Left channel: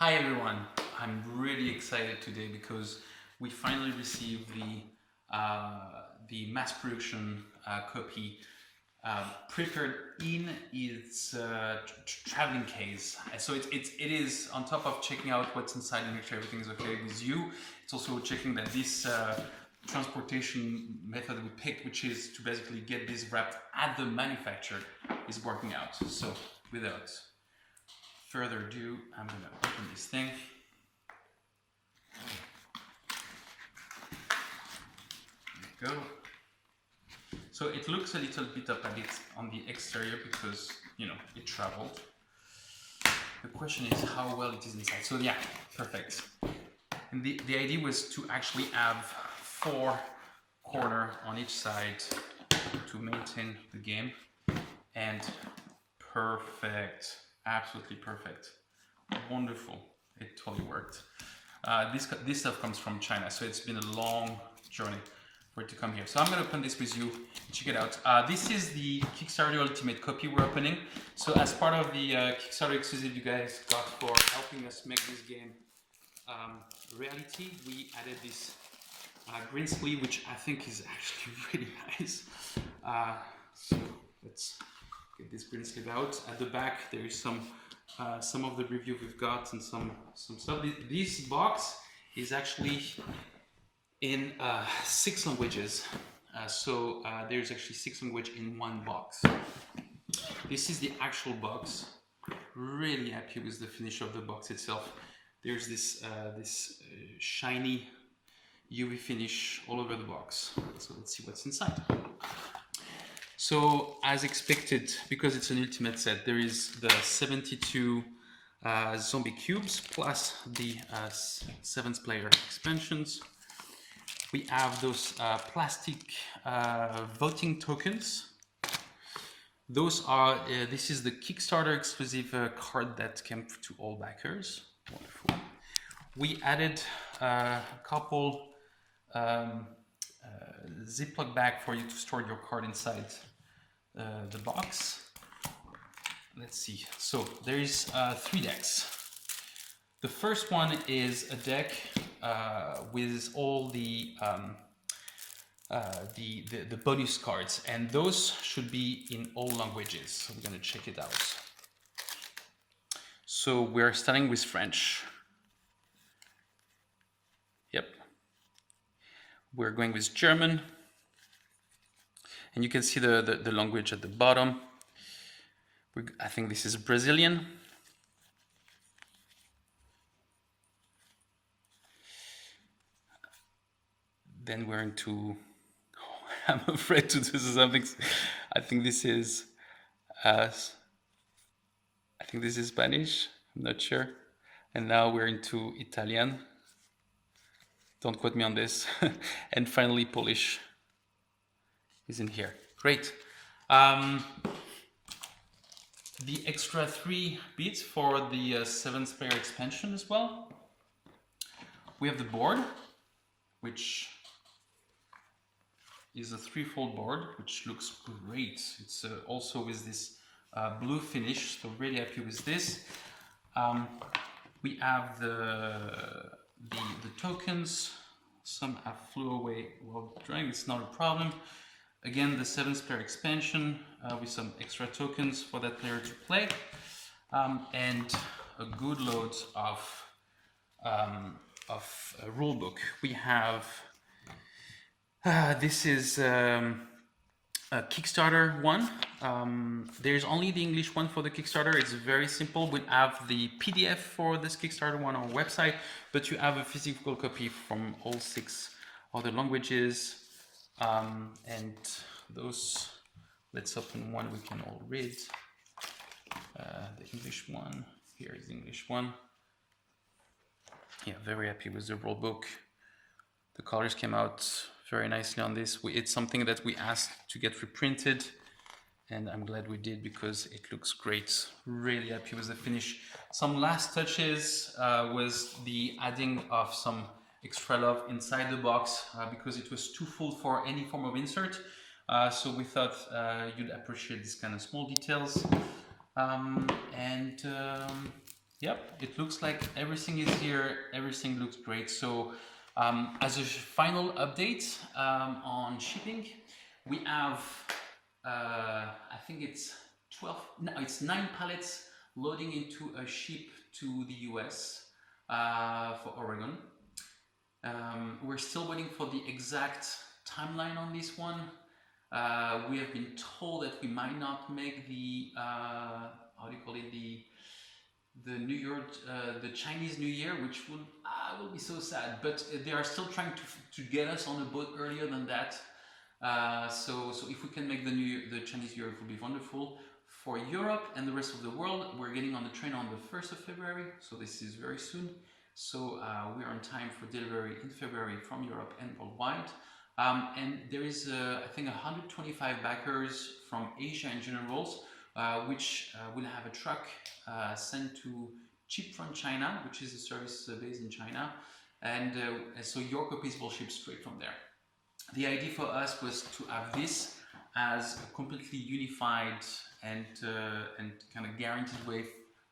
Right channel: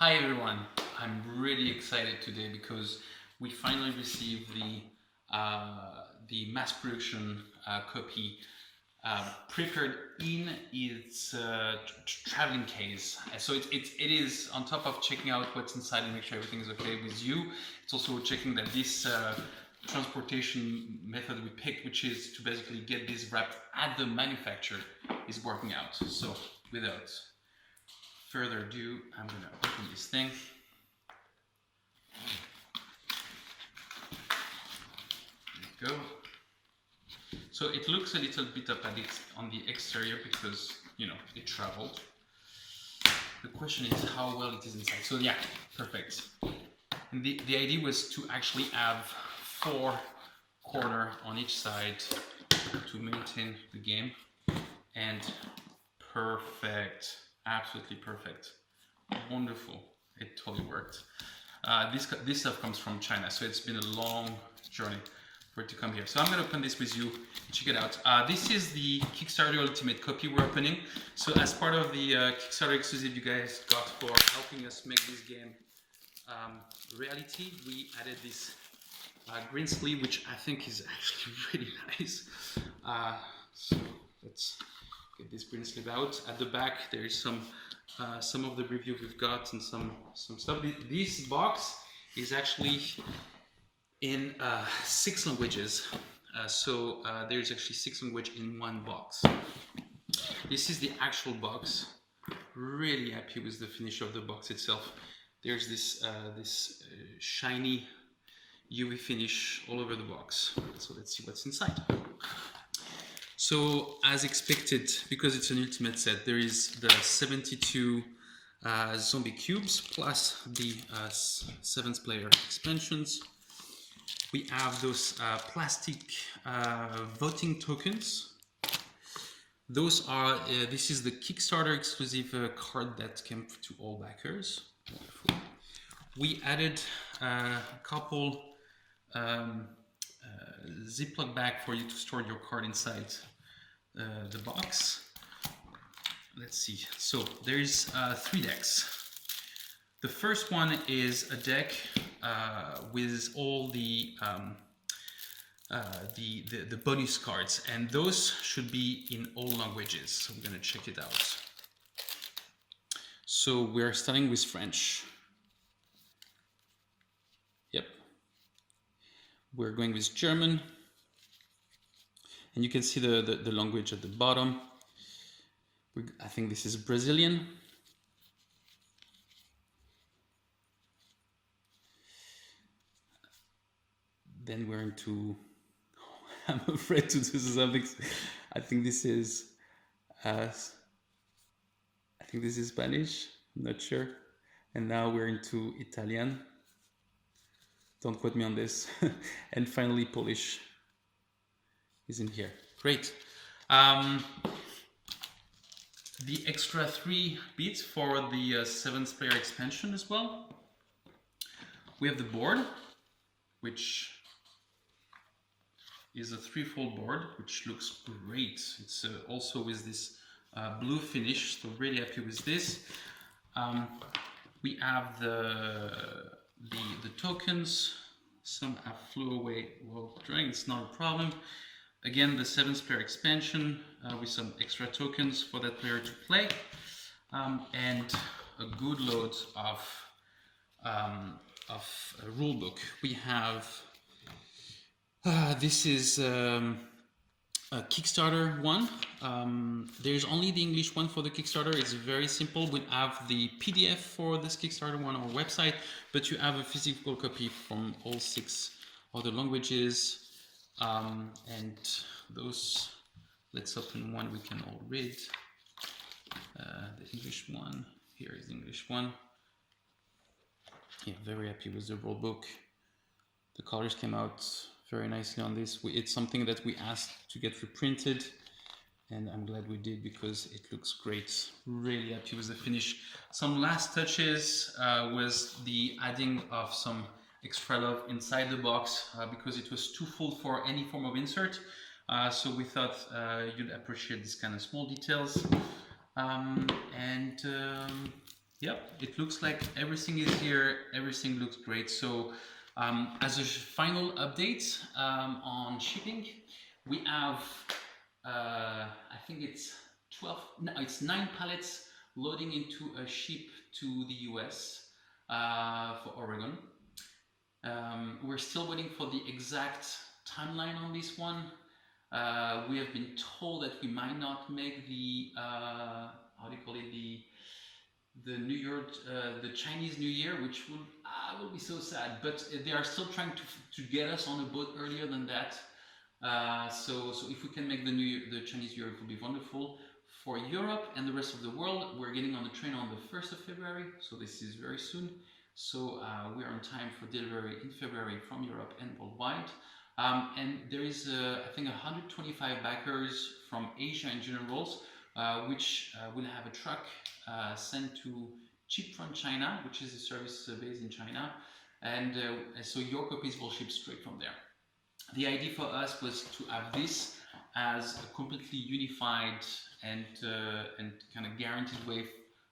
Hi everyone, I'm really excited today because we finally received the mass production copy prepared in its traveling case. So it is on top of checking out what's inside and make sure everything is okay with you. It's also checking that this transportation method we picked, which is to basically get this wrapped at the manufacturer, is working out. So without further ado, I'm gonna open this thing. There we go. So it looks a little bit up at it on the exterior because, you know, it traveled. The question is how well it is inside. So yeah, perfect. And the idea was to actually have 4 corners on each side to maintain the game. And perfect, absolutely perfect. Wonderful, it totally worked. This stuff comes from China, so it's been a long journey for it to come here. So I'm gonna open this with you, check it out. This is the Kickstarter Ultimate copy we're opening. So as part of the Kickstarter exclusive you guys got for helping us make this game reality, we added this green sleeve, which I think is actually really nice. So let's get this green sleeve out. At the back there is some of the review we've got and some stuff. This box is actually in 6 languages. So there's actually 6 languages in one box. This is the actual box. Really happy with the finish of the box itself. There's this shiny UV finish all over the box. So let's see what's inside. So as expected, because it's an ultimate set, there is the 72 zombie cubes plus the 7th player expansions. We have those plastic voting tokens. Those are, this is the Kickstarter exclusive card that came to all backers. Wonderful. We added a couple Ziploc bag for you to store your card inside the box. Let's see. So there's 3 decks. The first one is a deck with all the bonus cards, and those should be in all languages. So we're gonna check it out. So we're starting with French. Yep. We're going with German, and you can see the language at the bottom. I think this is Brazilian. Then we're into, I'm afraid to do something. I think this is Spanish, I'm not sure. And now we're into Italian. Don't quote me on this. And finally Polish is in here. Great. The extra 3 bits for the 7th player expansion as well. We have the board, which is a 3-fold board, which looks great. It's also with this blue finish, so really happy with this. We have the tokens. Some have flew away while drawing, it's not a problem. Again, the 7th player expansion with some extra tokens for that player to play, and a good load of a rule book. We have this is a Kickstarter one. There's only the English one for the Kickstarter. It's very simple. We have the PDF for this Kickstarter one on our website, but you have a physical copy from all 6 other languages. And those, let's open one we can all read. The English one, here is the English one. Yeah, very happy with the rule book. The colors came out very nicely on this. It's something that we asked to get reprinted, and I'm glad we did because it looks great. Really happy with the finish. Some last touches was the adding of some extra love inside the box because it was too full for any form of insert. So we thought you'd appreciate this kind of small details. Yep, it looks like everything is here. Everything looks great. So as a final update on shipping, we have, I think it's 12, no, it's 9 pallets loading into a ship to the US for Oregon. We're still waiting for the exact timeline on this one. We have been told that we might not make the, how do you call it, the New Year, the Chinese New Year, which will be so sad. But they are still trying to get us on a boat earlier than that. So if we can make the Chinese New Year, it will be wonderful. For Europe and the rest of the world, we're getting on the train on the 1st of February, so this is very soon. So we are on time for delivery in February from Europe and worldwide. And there is, I think, 125 backers from Asia in general, which will have a truck sent to Chip from China, which is a service based in China. And so your copies will ship straight from there. The idea for us was to have this as a completely unified and kind of guaranteed way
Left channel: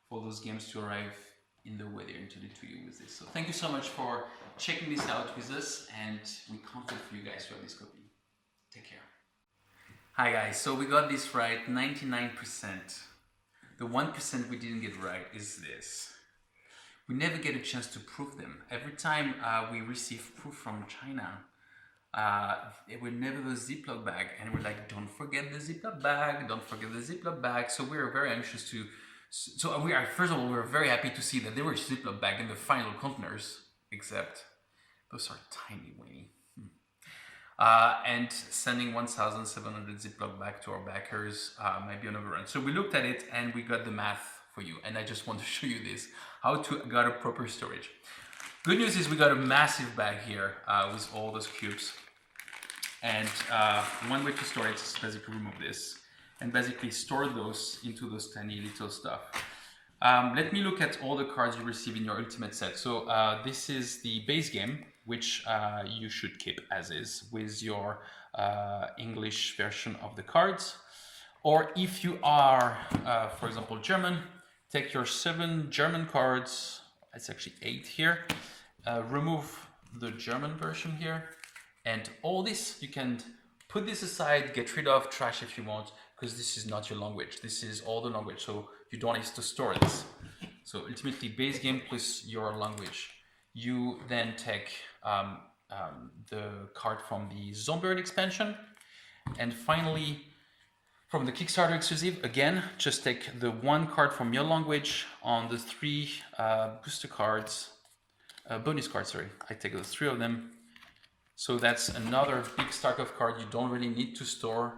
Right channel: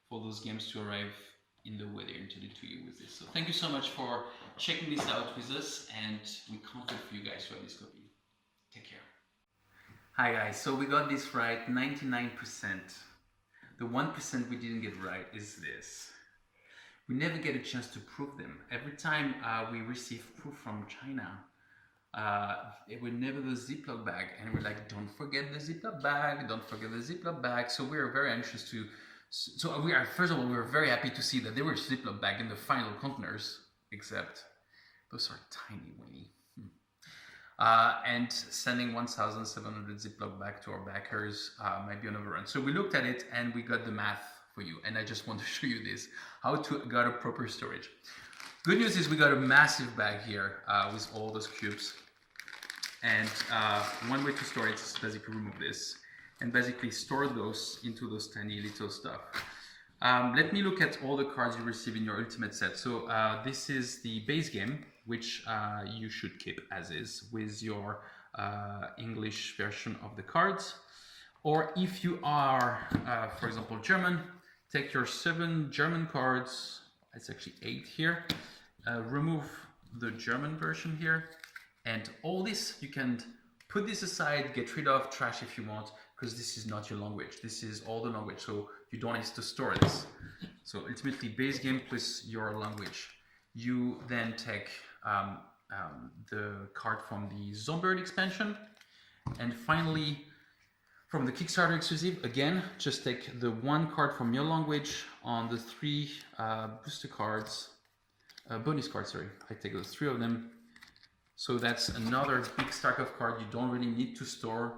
for those games to arrive in the way they're intended to you with this. So thank you so much for checking this out with us, and we can't wait for you guys to have this copy. Take care. Hi guys, so we got this right 99%. The 1% we didn't get right is this. We never get a chance to prove them. Every time we receive proof from China, it would never the Ziploc bag, and we're like, don't forget the Ziploc bag, don't forget the Ziploc bag. So we're very anxious to, so we are, first of all, we're very happy to see that there were Ziploc bag in the final containers, except those are tiny, weeny. And sending 1,700 Ziploc back to our backers might be an overrun. So we looked at it and we got the math for you. And I just want to show you this, how to get a proper storage. Good news is we got a massive bag here with all those cubes. And one way to store it is basically remove this and basically store those into those tiny little stuff. Let me look at all the cards you receive in your Ultimate set. So this is the base game, which you should keep as is with your English version of the cards. Or if you are, for example, German, take your 7 German cards, it's actually 8 here, remove the German version here, and all this, you can put this aside, get rid of, trash if you want, because this is not your language. This is all the language, so you don't need to store this. So ultimately, base game plus your language. You then take the card from the Zombie expansion, and finally, from the Kickstarter exclusive, again, just take the 1 card from your language on the 3 booster cards, bonus cards, sorry. I take those 3 of them. So that's another big stack of cards you don't really need to store.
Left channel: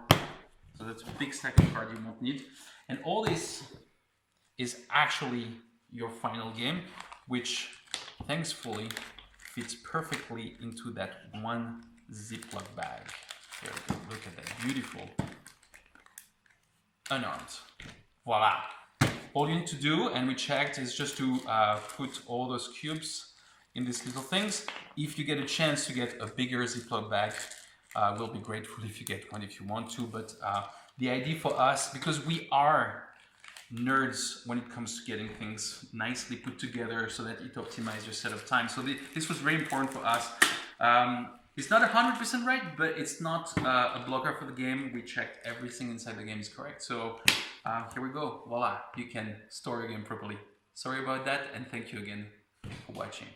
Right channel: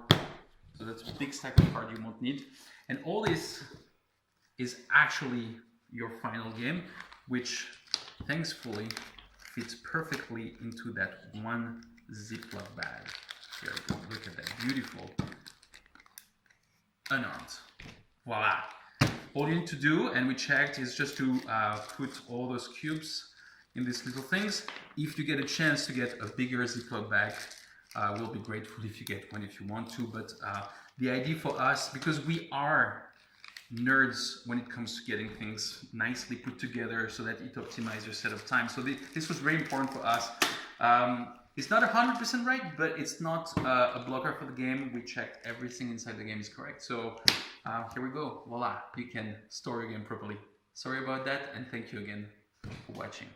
So that's a big stack of cards you won't need. And all this is actually your final game, which thankfully fits perfectly into that 1 Ziploc bag. There we go, look at that, beautiful. Unarmed. Voila. All you need to do, and we checked, is just to put all those cubes in these little things. If you get a chance to get a bigger Ziploc bag, we'll be grateful if you get one if you want to. But the idea for us, because we are nerds when it comes to getting things nicely put together so that it optimizes your setup time. So this was very important for us. It's not 100% right, but it's not a blocker for the game. We checked everything inside the game is correct. So here we go. Voila, you can store your game properly. Sorry about that, and thank you again for watching.